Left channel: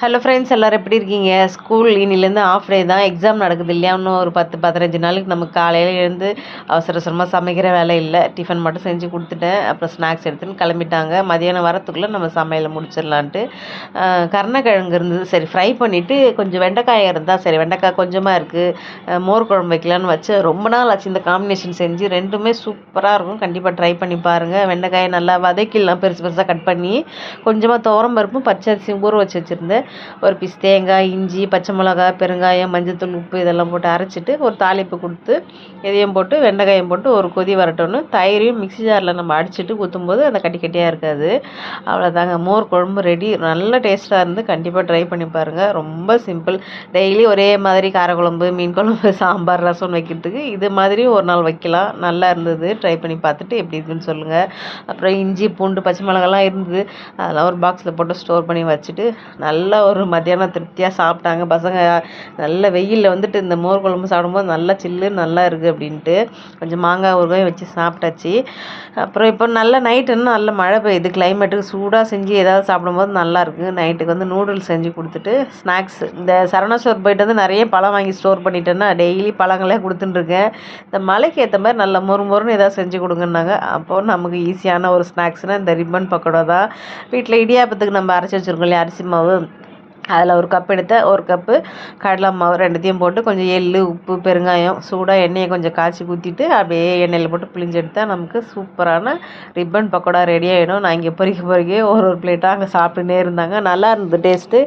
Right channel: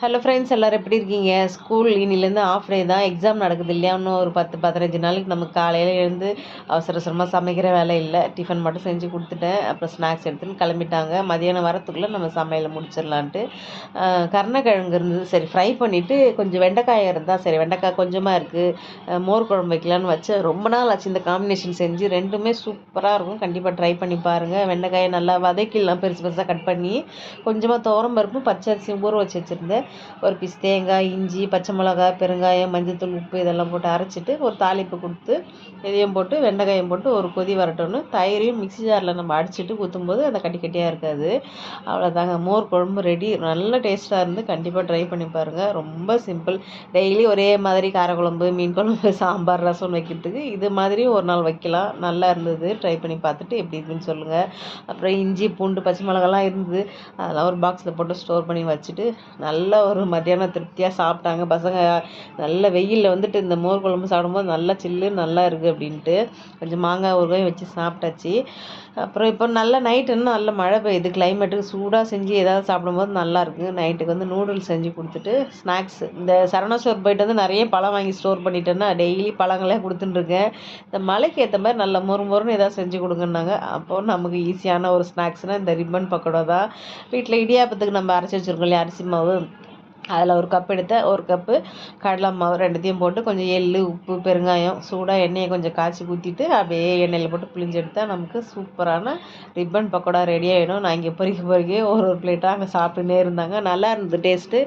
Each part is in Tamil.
ஹலோ ஃப்ரெண்ட்ஸ், எல்லோரும் எப்படி இருக்கீங்க? ஸ்கூல் இன்னிலேருந்து ஆஃப் டே தான். எக்ஸாம் நடக்குது இல்லையா? இன்னும் ஒரு 10-15 நாளுக்கு நமக்கு காலையில் எழுந்து அவசர அவசரமாக சமைக்கிற வேலை இல்லை. டிஃபன் மட்டும் செஞ்சு கொடுத்துட்டேன். அப்புறம் ஸ்நாக்ஸ் எடுத்துன்னு கிளம்பிட்டாங்க. மதியானம் வரத்துக்குள்ளே நம்ம சமையலை முடிச்சிடலான்ட்டு கருணக்கிழங்கு இருந்தது. சரி, ஃப்ரை பண்ணிவிட்டு கொஞ்சம் வெண்டைக்காய் இருந்தால் சரி, வெண்டைக்காய் கொஞ்சமாக இருக்குது, மோர் குழம்பு வைக்கலான்னு வச்சு ரொம்ப நாள் ஆச்சு இந்த காம்பினேஷன் செஞ்சு. ரெண்டுமே சூப்பராக இருக்கும். கண்டிப்பாக ட்ரை பண்ணி பாருங்கள். வெண்டைக்காயை நல்லா வதக்கிடலாம், பெருசு பெருசாக கட் பண்ணி. கொஞ்சமாக துவரம் பருப்பும் பச்சரிசியும் ஊற வச்சு வச்சுருந்தேன். ஒரு பீஸ் தேங்காய், இஞ்சி, பச்சை மிளகா, பெருங்காயம், மஞ்சத்தூள், உப்பு இதெல்லாம் போட்டு அரைச்சிட்டு ஒரு தாளிப்பு கொடுத்து இதையும் போட்டு வெண்டைக்காயும் போட்டு ஒரு கொதி வரட்டோன்னு தயிரையும் மிக்ஸி ஜாரில் நம்ம அடிச்சுட்டு ஊற்றும்போது அந்த கட்டி கட்டியாக இருக்காது. அவ்வளோதாங்க, மோர் குழம்பு ரெடி. நல்ல டேஸ்ட்டாக இருந்து கண்டிப்பாக ட்ரை பண்ணி பாருங்கள். ரொம்ப சிம்பிள். டெய்லி ஒரே மாதிரி காரக்குழம்பு, மீன் குழம்பு, சாம்பார், ரசம் வைக்கிறதுக்கு இது மாதிரி ஒரு நாள் வைக்கலாம். நல்லா இருந்தது. ட்ரை பண்ணி பார்த்துட்டு எப்படி இருக்குன்னு சொல்லுங்கள். அப்புறம் இஞ்சி, பூண்டு, பச்சை மிளகாலாம் இருந்தது. அதெல்லாம் ஒரு பாக்ஸில் போட்டு ஸ்டோர் பண்ணி வச்சுட்டு நல்ல ஒரு மத்தியானம் திருப்தியாக சாப்பிட்டாங்க பசங்க. நல்ல வெயிலில் வந்துட்டு இந்த மோர் குழம்பு சாப்பிடும்போது நல்லா சில்லுன்னு நல்லா இருக்குது அப்படின்ட்டு கொஞ்சம் மாங்காய் ஊறுகாயும் வச்சு சாப்பிட்டாச்சு. அப்புறம் இப்போ நல்ல நைட்டுன்னு நல்ல மழை பெய்யுது. கிளைமேட்டுக்கு சூடாக செஞ்சு ஏதாவது சாப்பிடும்போது நல்லாயிருக்கு. நைட்டுக்கு வந்து நூடுல்ஸ் செஞ்சு கொடுத்துட்டு ஸ்நாக்ஸ் இந்த சரவணா ஸ்டோர் போயிட்டு வந்து நிறைய பழம் வாங்கி ஸ்டோர் பண்ணிட்டேன்னா டெய்லி பழங்களே கொடுத்துட்டுருக்கேன். இந்த மழைக்கு ஏற்ற மாதிரி நல்ல மொறுன்னு ஏதாவது செஞ்சு கொடுங்கன்னாங்க. அப்போது நமக்கு ஈஸியான ஒரு ஸ்நாக்ஸ்னால் இந்த ரிப்பன் பக்கோடா தான். வீட்டில் இடியாப்பத்துக்கு நம்ம அரைச்சி வச்சுருக்கோம் இல்லையா, அரிசி மாவு, அதில் ஒரு கப் எடுத்தேன். ஒரு கப்பு கடலை மாவு ரெண்டுத்தையும் போட்டு கொஞ்சம் எள்ளு, உப்பு, பெருங்காயம், சூடாக எண்ணெயை கொஞ்சம் காய்ச்சி ஊற்றிட்டு அப்படியே எண்ணெயில் போட்டு பிழிஞ்சு எடுத்தால் நமக்கு சூப்பரான ரிப்பன் பக்கோடா ரெடி ஆகிடும். நான் இங்கே பொறிக்க ஒரு பிளேட்டாக அங்கே சாப்பிட்டுனே இருந்தாங்க. நல்லா இருந்தது டேஸ்ட்டு.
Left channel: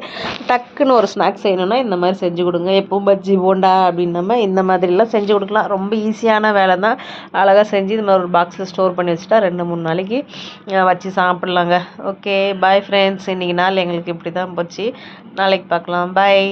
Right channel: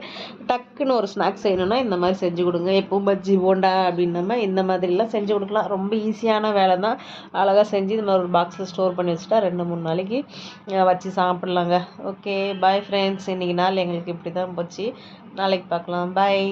டக்குன்னு ஒரு ஸ்நாக்ஸ் செய்யணுன்னா இந்த மாதிரி செஞ்சு கொடுங்க. எப்பவும் பஜ்ஜி, போண்டா அப்படின்னமா இந்த மாதிரிலாம் செஞ்சு கொடுக்கலாம். ரொம்ப ஈஸியான வேலை தான். அழகாக செஞ்சு இந்த மாதிரி ஒரு பாக்ஸில் ஸ்டோர் பண்ணி வச்சுட்டா 2-3 நாளைக்கு வச்சு சாப்பிட்லாங்க. Okay, bye friends. இன்றைக்கி நாள் எங்களுக்கு இப்படி தான் போச்சு. நாளைக்கு பார்க்கலாம். பாய்.